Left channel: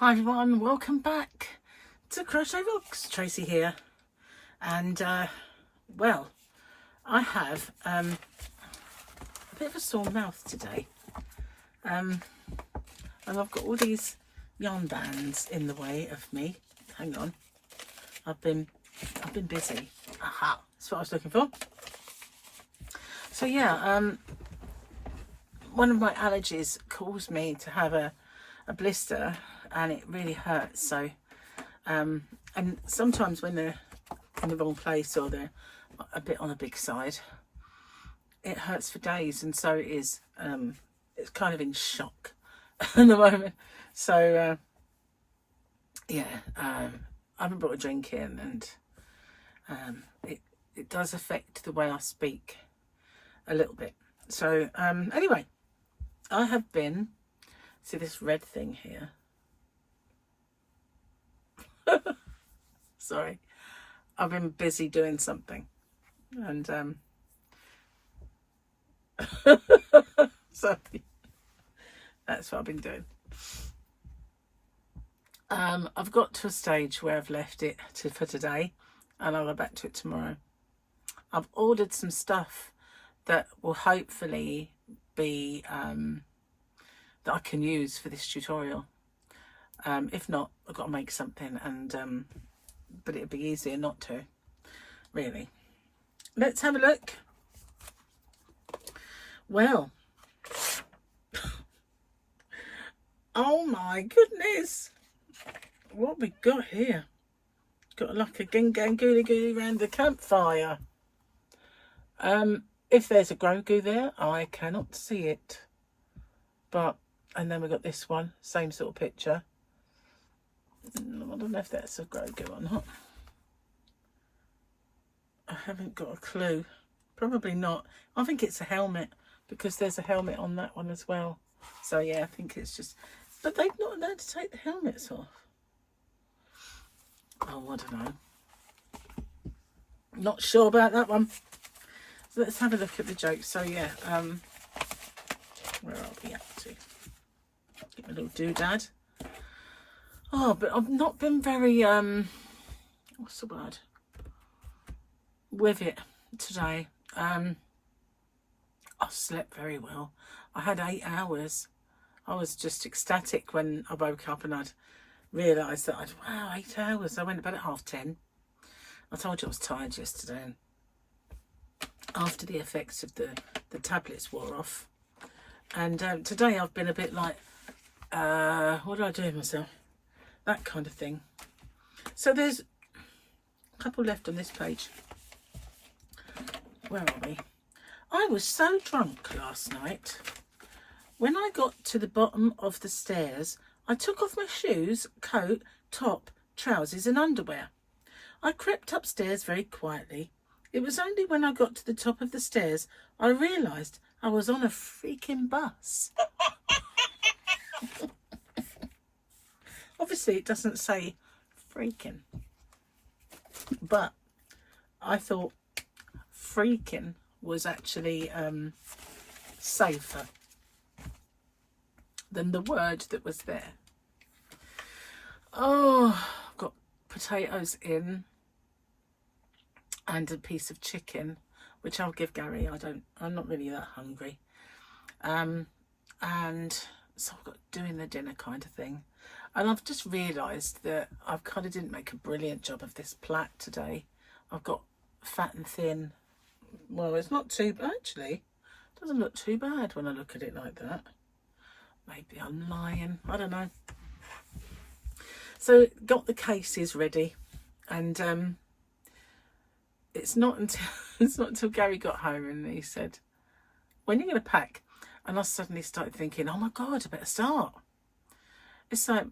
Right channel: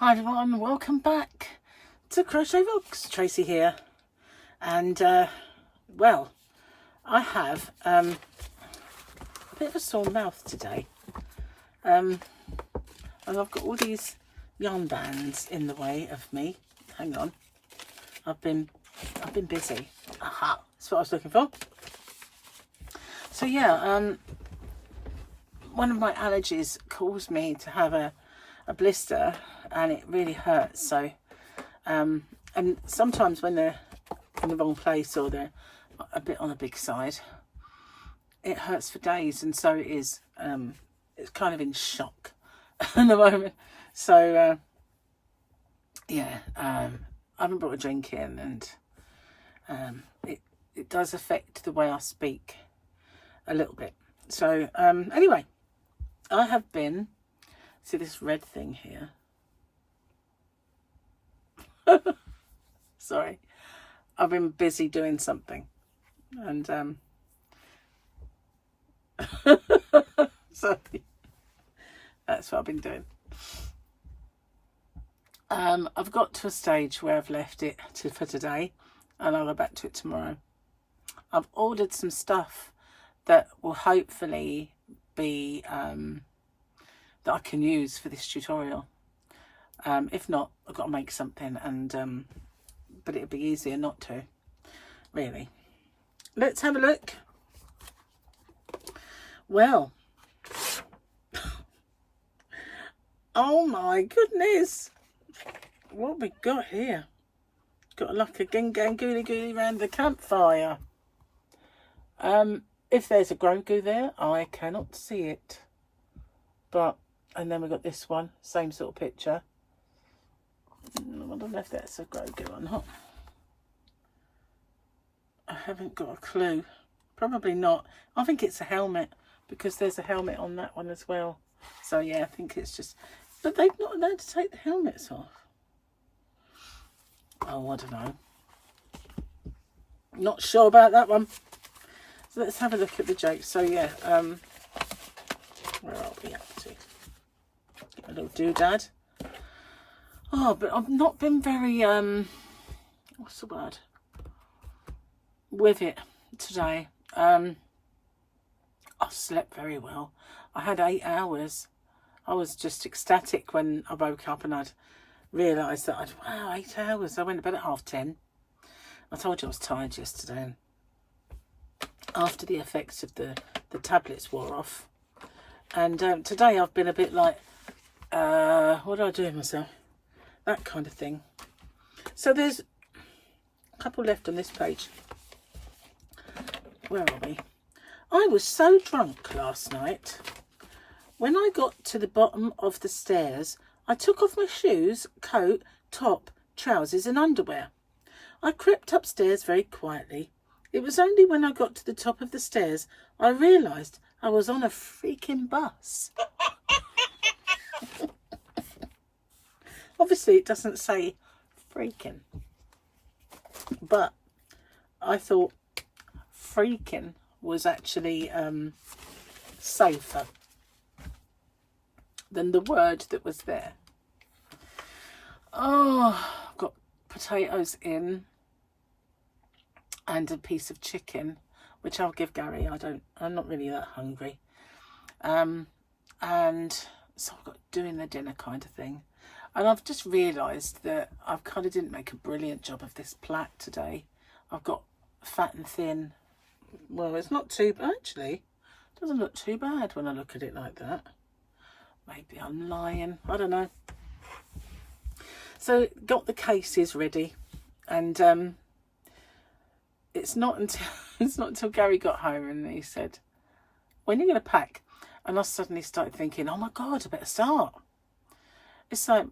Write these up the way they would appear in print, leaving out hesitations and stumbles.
Hi everyone, welcome back to Crochet Rocks. Tracy here, and well, I have a bit of a sore mouth today, and I've got all these yarn bands in the way of me. Hang on, I've been busy. Aha, that's what I was looking for. So yeah, one of my allergies caused me to have a blister, and it really hurts. So and sometimes when they're in the wrong place or they're a bit on the big side, it hurts for days, and so it is. It's kind of in shock at the moment. So yeah, I haven't brought a drink in, and it does affect the way I speak a little bit. So anyway, I have been, see this red thing here, sorry, I've been busy doing something, and sorry, that's what I've been doing. I've got to a stage where I've left it for today, and I'll go back to it tomorrow. I've ordered some stuff that will hopefully be that I can use for this tutorial. If not, I've got to make something, and but it'd be easier not to, really. Let's have a look. Well, oh my goodness, what we got here? Got like a gangooli gooly round the campfire. If there's a Grogu there, I cannot see it, but, and then we got this one, same sort of picture. I don't know if that's a Grogu or not. I haven't got a clue. Probably not. I think it's a helmet, because there's a helmet on that one as well. So yeah, I think it's just, but they've not allowed to take the helmets off. Oh, I don't know. Not sure about that one. So let's have a look at the jokes. So yeah, where are we up to? Get my little doodad. Oh, but I've not been very, what's the word? With it today. I slept very well. I had 8 hours. I was just ecstatic when I woke up and I'd realised that wow, 8 hours. I went to bed at 10:30. I told you I was tired yesterday, and after the effects of the tablets wore off. And today I've been a bit like, what do I do with myself? That kind of thing. So there's a couple left on this page. Where are we? I was so drunk last night. When I got to the bottom of the stairs, I took off my shoes, coat, top, trousers and underwear. I crept upstairs very quietly. It was only when I got to the top of the stairs I realised I was on a freaking bus. Obviously it doesn't say freaking, but I thought freaking was actually safer than the word that was there. Oh, I've got potatoes in and a piece of chicken, which I'll give Gary. I'm not really that hungry. And so I've got doing the dinner kind of thing. And I've just realised that I kind of didn't make a brilliant job of this plait today. I've got fat and thin. Well, it's not too bad, actually. It doesn't look too bad when I look at it like that. Maybe I'm lying. I don't know. So got the cases ready, and it's not until Gary got home and he said, "When are you going to pack?" And I suddenly started thinking, "Oh my God, I better start." It's like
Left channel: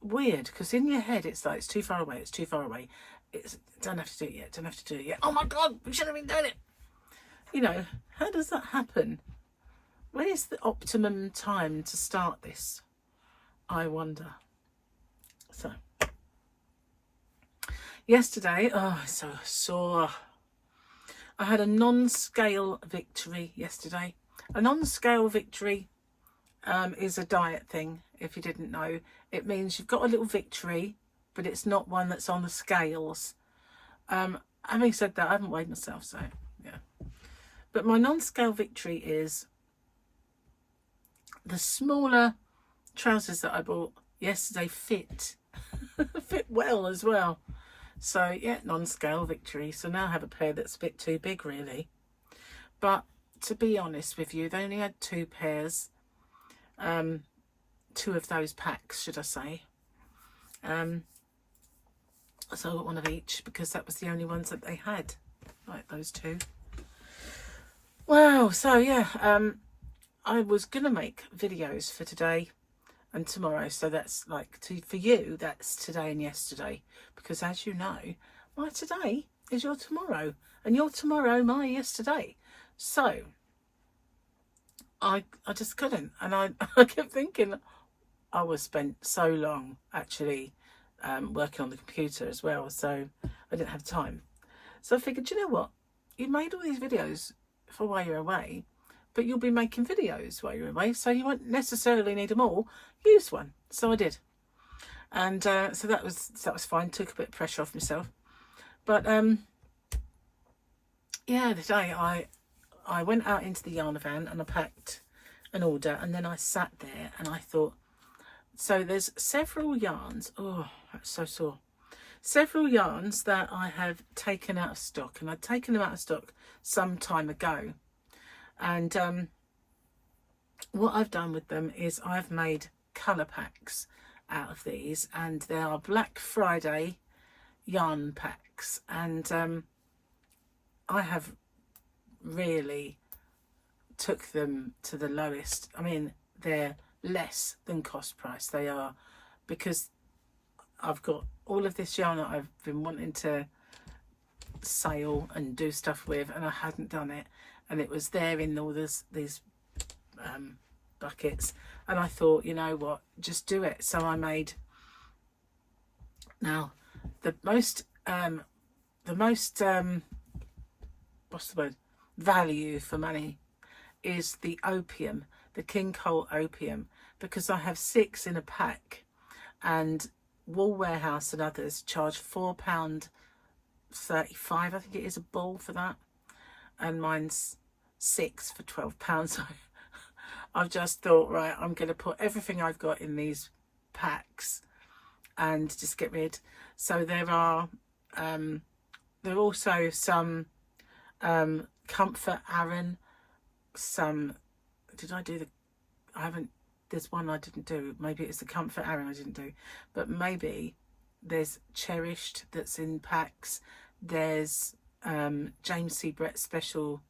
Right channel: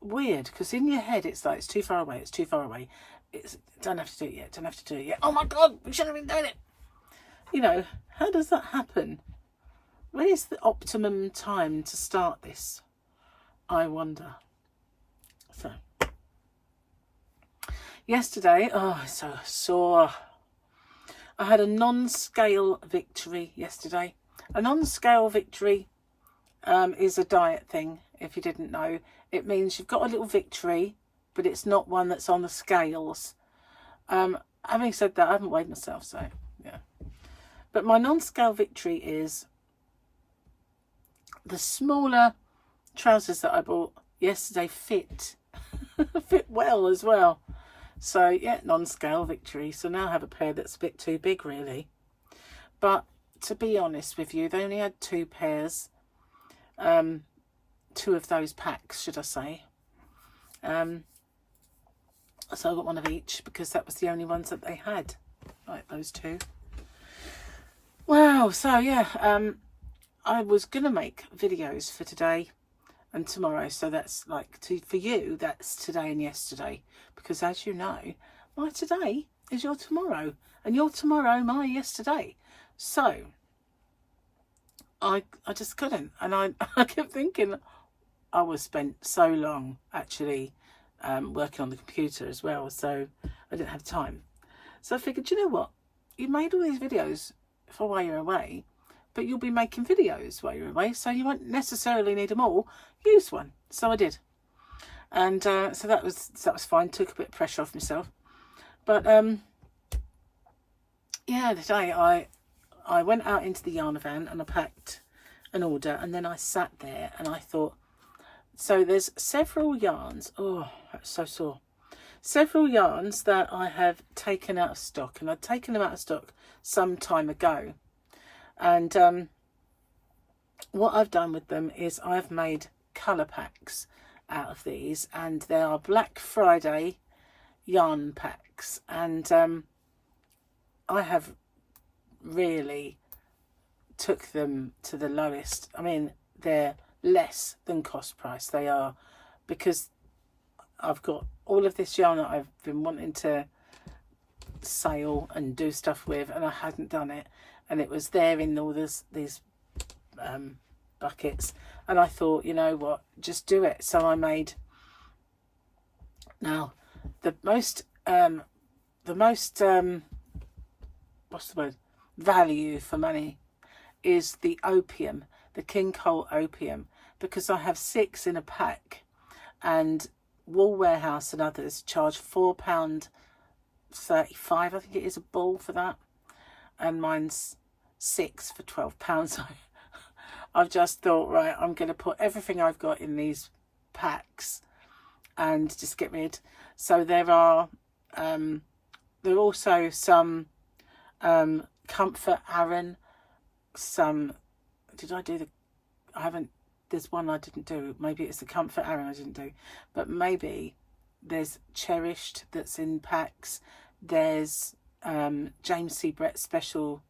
weird, because in your head it's like, it's too far away, it's too far away. It's, don't have to do it yet, don't have to do it yet. Oh my God, we should have been doing it. You know, how does that happen? When is the optimum time to start this? I wonder. So, yesterday, oh, I'm so sore. I had a non-scale victory yesterday. A non-scale victory is a diet thing. if you didn't know. It means you've got a little victory, but it's not one that's on the scales. Having said that, I haven't weighed myself, so yeah. But my non-scale victory is the smaller trousers that I bought yesterday fit fit well as well. So yeah, non-scale victory. So now I have a pair that's a bit too big really. But to be honest with you, they only had 2 pairs. 2 of those packs, should I say. So I got one of each because that was the only ones that they had. Like those 2. Wow, so yeah, I was gonna make videos for today and tomorrow, so that's like for you, that's today and yesterday, because as you know, my today is your tomorrow and your tomorrow my yesterday. So I just couldn't, and I kept thinking I was spent so long actually working on the computer as well, so I didn't have time. So I figured, you know what, you made all these videos for while you're away, but you'll be making videos while you're away, so you won't necessarily need them all. Use one. So I did, and so that was fine. Took a bit of pressure off myself. But yeah, today I went out into the yarn van and I packed an order, and then I sat there and I thought, so there's several yarns. Oh, that's so sore. Several yarns that I have taken out of stock, and I'd taken them out of stock some time ago. And what I've done with them is I've made colour packs out of these, and they are Black Friday yarn packs, and I have really took them to the lowest. I mean, they're less than cost price. They are, because I've got all of this yarn that I've been wanting to sale and do stuff with, and I hadn't done it, and it was there in all these buckets, and I thought, you know what, just do it. So I made, now the most what's the word, value for money is the opium, the King Cole opium, because I have 6 in a pack, and Wool Warehouse and others charge £4.35, I think it is, a ball for that, and mine's 6 for £12. So I've just thought, right, I'm going to put everything I've got in these packs and just get rid. So there are also some Comfort Aran, some, did I do the, I haven't, there's one I didn't do, maybe it's the Comfort Aran I didn't do, but maybe there's Cherished that's in packs, there's James C. Brett Special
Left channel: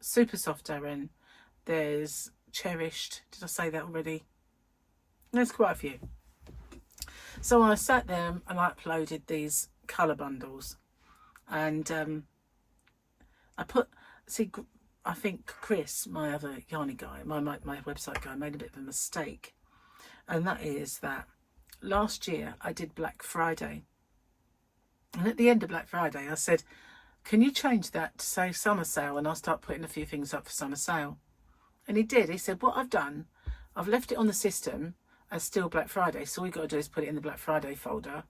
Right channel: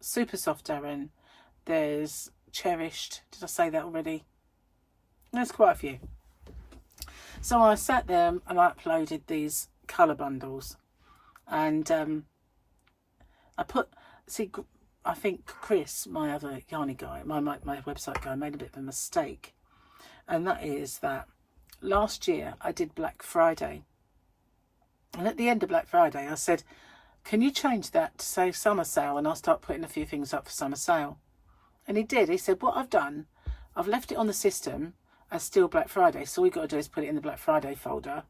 Super Soft Aran, there's Cherished, did I say that already? There's quite a few. So I sat there and I uploaded these colour bundles, and I put, see, I think Chris, my other yarny guy, my website guy, made a bit of a mistake, and that is that last year I did Black Friday, and at the end of Black Friday I said, can you change that to say summer sale, and I'll start putting a few things up for summer sale. And he did. He said, what I've done, I've left it on the system as still Black Friday, so all you've got to do is put it in the Black Friday folder,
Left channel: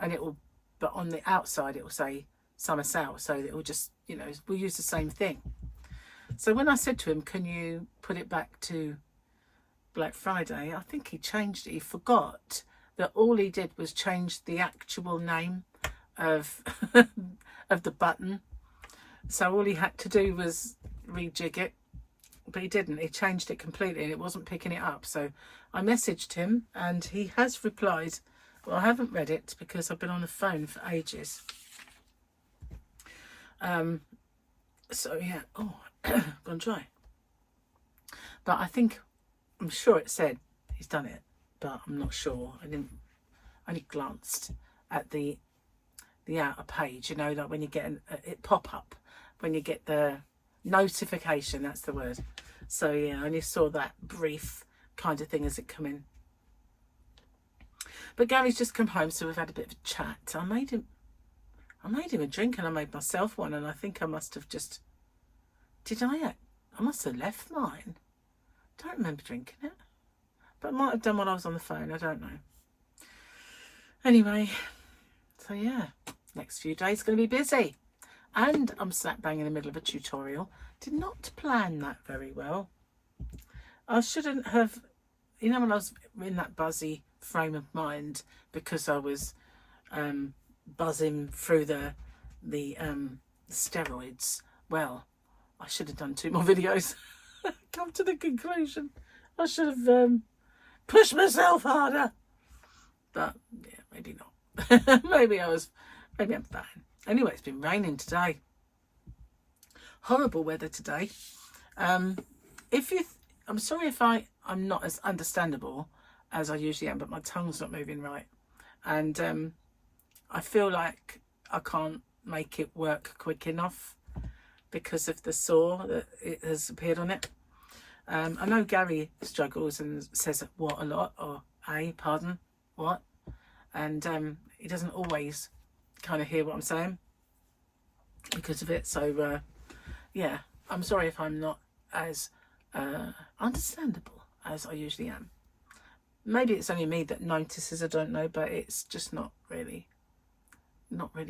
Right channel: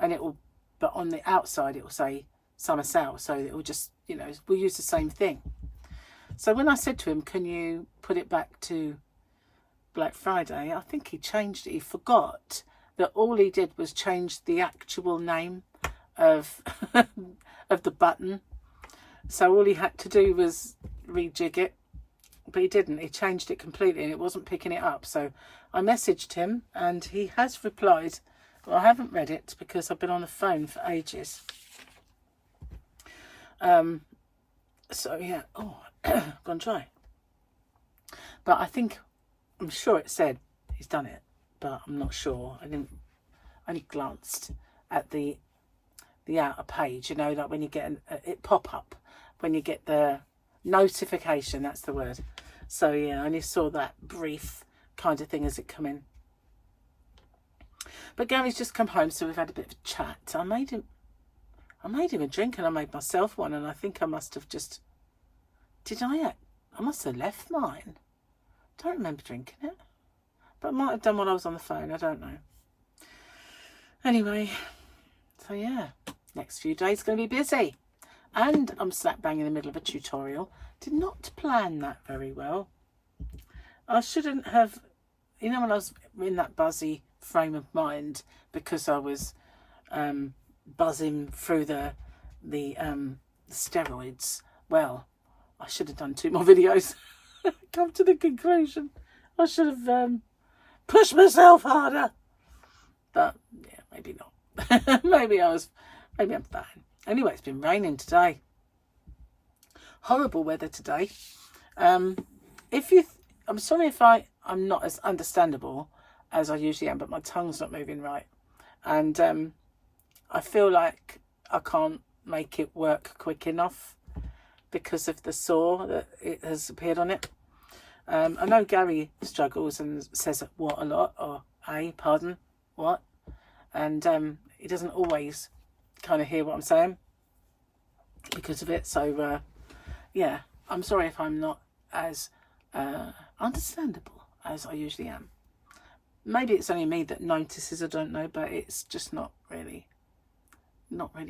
and it will, but on the outside it will say summer sale, so it will just, you know, we'll use the same thing. So when I said to him, can you put it back to Black Friday, I think he changed it. He forgot that all he did was change the actual name of of the button. So all he had to do was rejig it, but he didn't. He changed it completely and it wasn't picking it up. So I messaged him and he has replied. Well, I haven't read it because I've been on the phone for ages. So yeah, oh, gone dry. But I think, I'm sure it said he's done it, but I'm not sure. I only glanced at the outer page, you know, like when you get it pop up, when you get the notification, that's the word. So yeah, I only saw that brief kind of thing as it come in. But Gary's just come home, so we've had a bit of a chat. I made him a drink and I made myself one, and I think I must have just, I must have left mine. Don't remember drinking it. But I might have done while I was on the phone, I don't know. Anyway, so yeah, next few days going to be busy. And I'm slap bang in the middle of a tutorial. Did not plan that very well. I shouldn't have, you know, when I was in that buzzy frame of mind because I was buzzing through the steroids. Well, I should have done 2 more videos. Come to the conclusion I should have pushed myself harder. But yeah, maybe not. maybe I'm fine. Anyway, it's been raining today. Horrible weather today. I'm sorry if I'm not as understandable as I usually am, but my tongue's not moving right. And I feel like I can't make it work quick enough because of the sore that it has appeared on it. I know Gary struggles and says what a lot, or pardon, what? And he doesn't always kind of hear what I'm saying because of it. So yeah, I'm sorry if I'm not as understandable as I usually am. Maybe it's only me that notices, I don't know, but it's just not really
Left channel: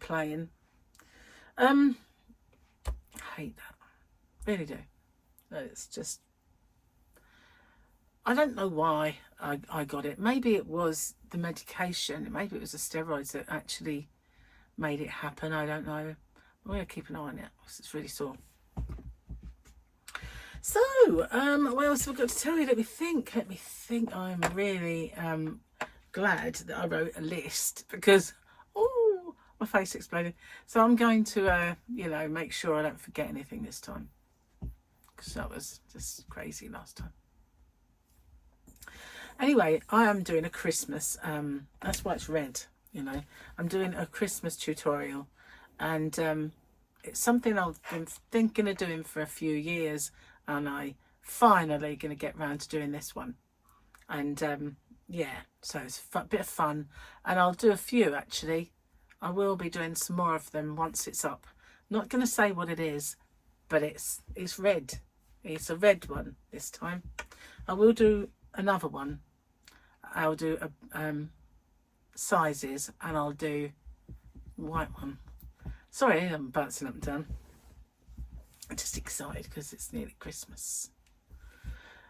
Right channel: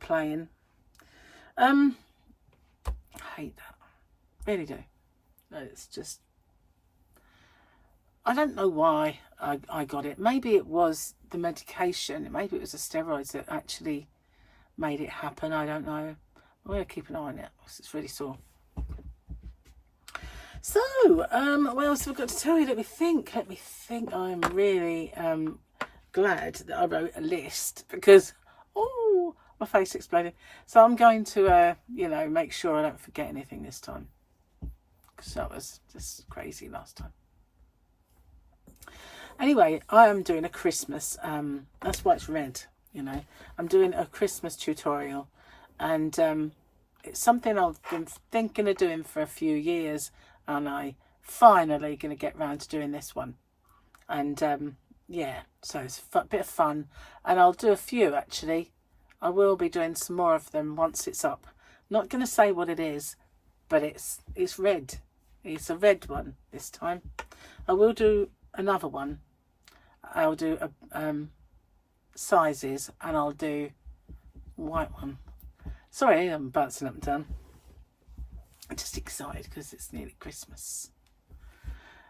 playing. I hate that, really do. It's just, I don't know why I got it. Maybe it was the medication, maybe it was the steroids that actually made it happen. I don't know. I'm going to keep an eye on it because it's really sore. So, what else have I got to tell you? Let me think. I'm really glad that I wrote a list because, oh, my face exploded. So I'm going to, you know, make sure I don't forget anything this time because that was just crazy last time. Anyway, I am doing a Christmas, that's why it's red, you know. I'm doing a Christmas tutorial and it's something I've been thinking of doing for a few years. And I finally going to get round to doing this one. And yeah, so it's a bit of fun. And I'll do a few actually. I will be doing some more of them once it's up. Not going to say what it is, but it's red. It's a red one this time. I will do another one. I'll do sizes and I'll do white one. Sorry, I'm bouncing up and down. I'm just excited because it's nearly Christmas.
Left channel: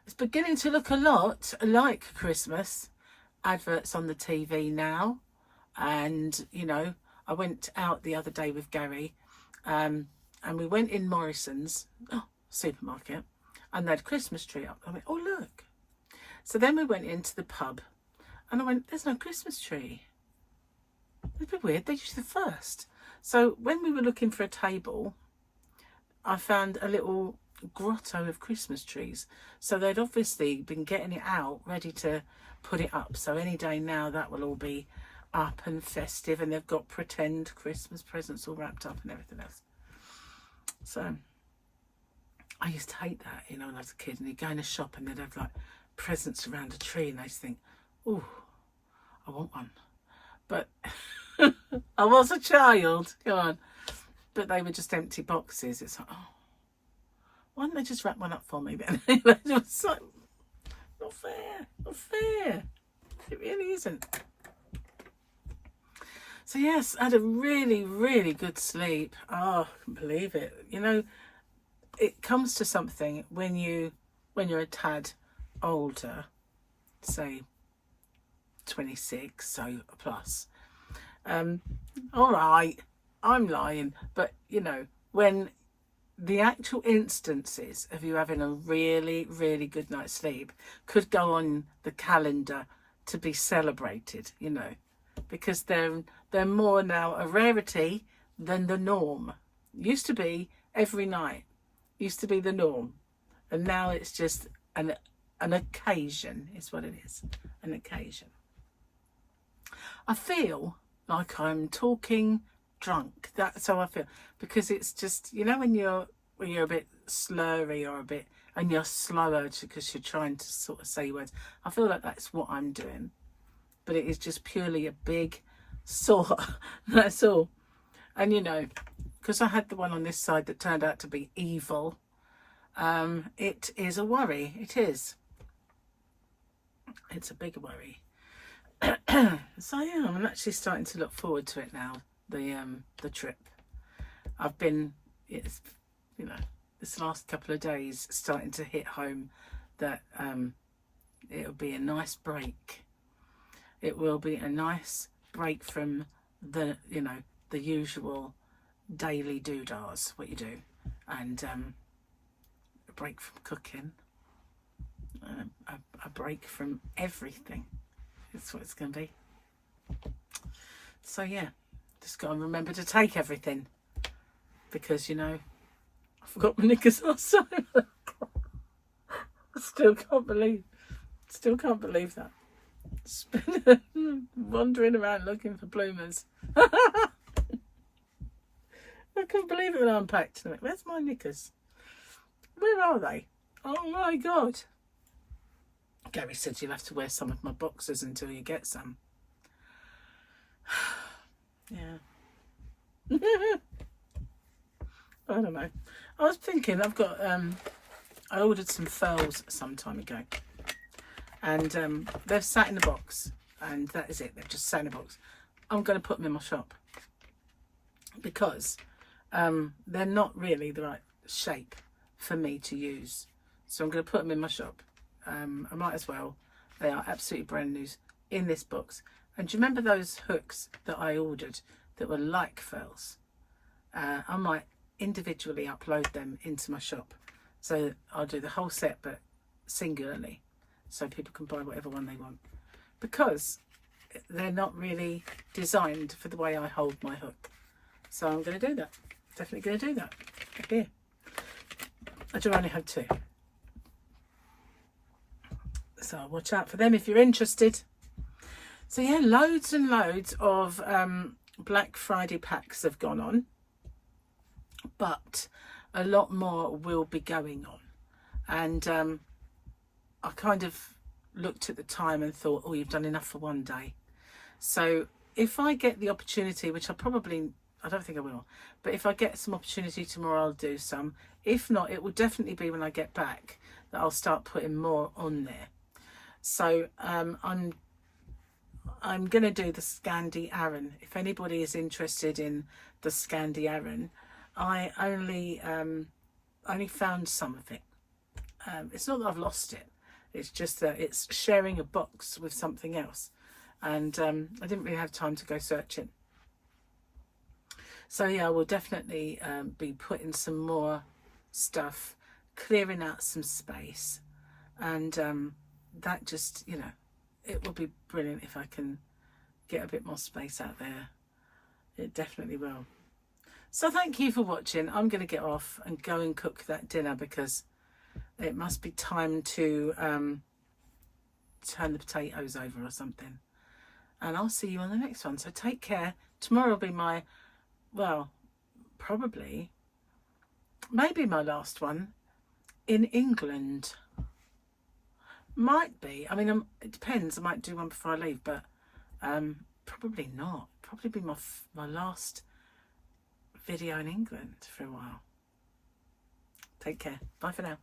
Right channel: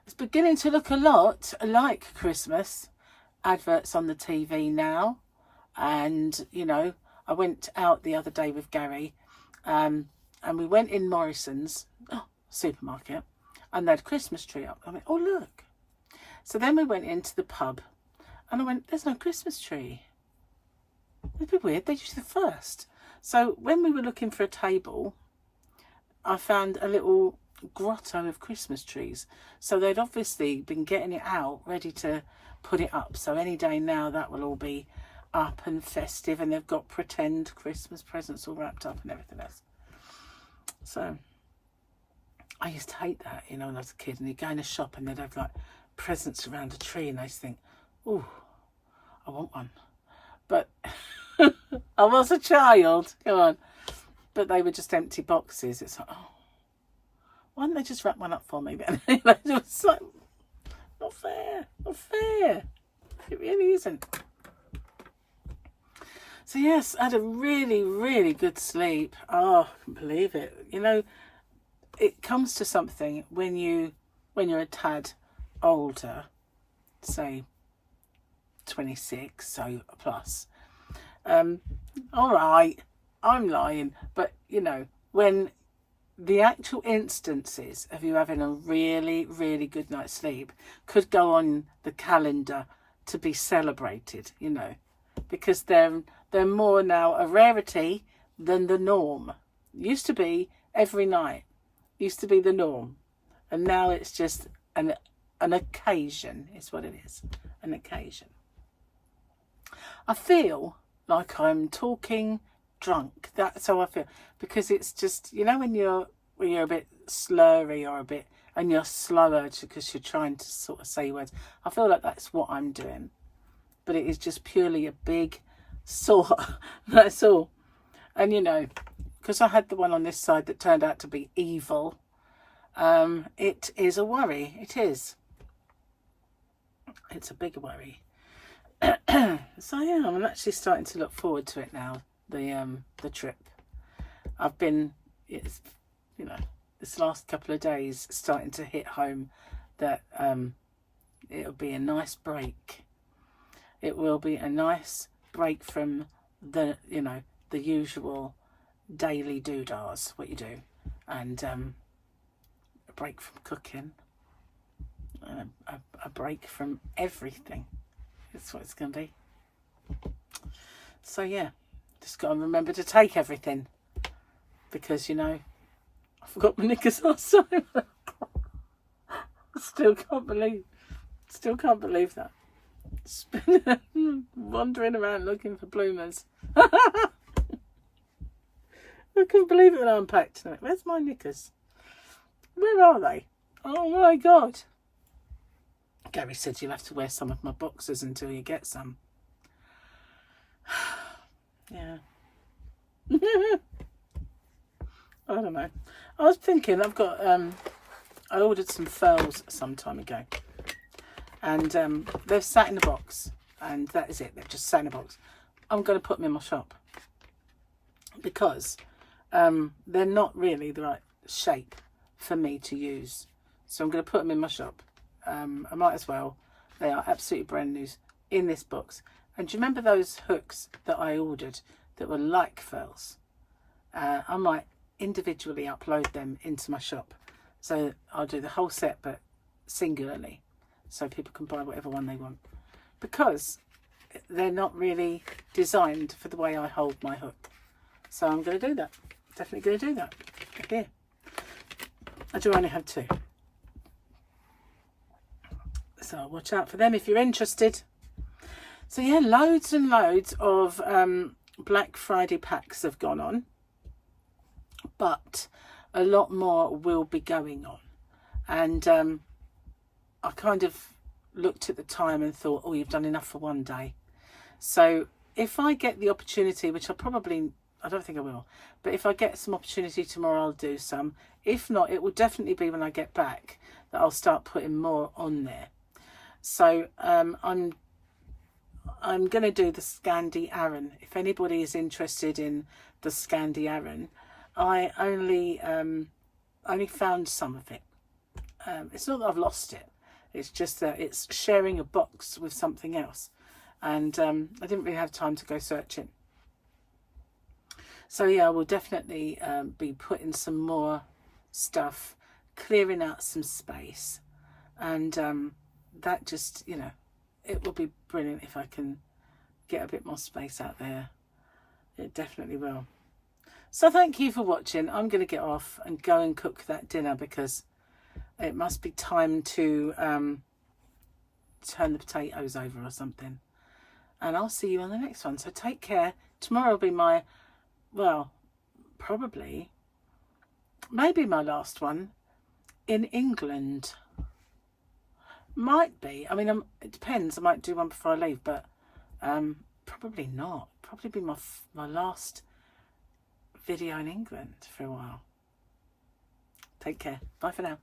It's beginning to look a lot like Christmas adverts on the TV now. And, you know, I went out the other day with Gary and we went in Morrison's supermarket and they had a Christmas tree up. I went, oh, look. So then we went into the pub and I went, there's no Christmas tree. It'd be weird. They're usually the first. So when we were looking for a table, I found a little grotto of Christmas trees. So they'd obviously been getting it out, ready to put it up. So any day now that will all be up and festive, and they've got pretend Christmas presents all wrapped up and everything else. So I used to hate that, you know, when I was a kid, and you'd go in a shop and they'd have like presents around a tree and I used to think, oh, I want one. But I was a child, come on. But they were just empty boxes. It's like, oh, why don't they just wrap one up for me then? It was like, not fair, not fair. It really isn't. So yes, I had a really, really good sleep. Oh, I can't believe it. You know, it comes to something when you're a tad older, say 26, so plus. All right. I'm lying, but you know, when the actual instances of you having a really, really good night's sleep could go on the calendar to be celebrated, you know, because they're more now a rarity than the norm. Used to be every night, used to be the norm, and now it's just an occasion is what it is, an occasion. I feel like I'm talking drunk. That's how I feel, because it's just, you know, when you're a bit slurry or a bit, and you're slower because you're trying to sort of say words. I feel like that's what I'm doing, but it is just purely a big sore. That's all. And you know, because I had the one on this side that turned out to be evil, it is a worry. It is. It's a big worry. So yeah, I'm actually starting to look forward to it now. The trip. It's, you know, this last couple of days starting to hit home that it'll be a nice break. It will be a nice break from the, you know, the usual daily doodahs, what you do, and a break from cooking, a break from everything. That's what it's going to be. So yeah, just got to remember to take everything, because, you know, I forgot my knickers last time. Still can't believe that. Wandering around looking for bloomers. I couldn't believe it when I unpacked tonight. Where's my knickers? Where are they? Oh my God. Gary said you'll have to wear some of my boxers until you get some. Yeah. I don't know. I was thinking, I've got I ordered some furls some time ago, and they've sat in the box, and that is it. They've just sat in the box. I'm going to put them in my shop because they're not really the right shape for me to use. So I'm going to put them in my shop. I might as well. They are absolutely brand new in this box. And do you remember those hooks that I ordered that were like furls? I might individually upload them into my shop. So I'll do the whole set, but singularly, so people can buy whatever one they want, because they're not really designed for the way I hold my hook. So I'm going to do that. Definitely going to do that. Here. I do only have 2. So watch out for them if you're interested. So yeah, loads and loads of Black Friday packs have gone on, but a lot more will be going on. And I kind of looked at the time and thought, oh, you've done enough for one day. So if I get the opportunity, which I don't think I will, but if I get some opportunity tomorrow, I'll do some. If not, it will definitely be when I get back that I'll start putting more on there. So I'm going to do the Scandi Aran. If anybody is interested in the Scandi Aran, I only found some of it. It's not that I've lost it. It's just that it's sharing a box with something else, and I didn't really have time to go searching. So yeah, I will definitely be putting some more stuff, clearing out some space, and that just, you know, it will be brilliant if I can get a bit more space out there. It definitely will. So thank you for watching. I'm going to get off and go and cook that dinner, because it must be time to turn the potatoes over or something. And I'll see you on the next one. So take care. Tomorrow will be my, well, probably, maybe my last one in England. Might be. I mean, it depends. I might do one before I leave, but probably not. Probably be my last video in England for a while. Take care. Bye for now.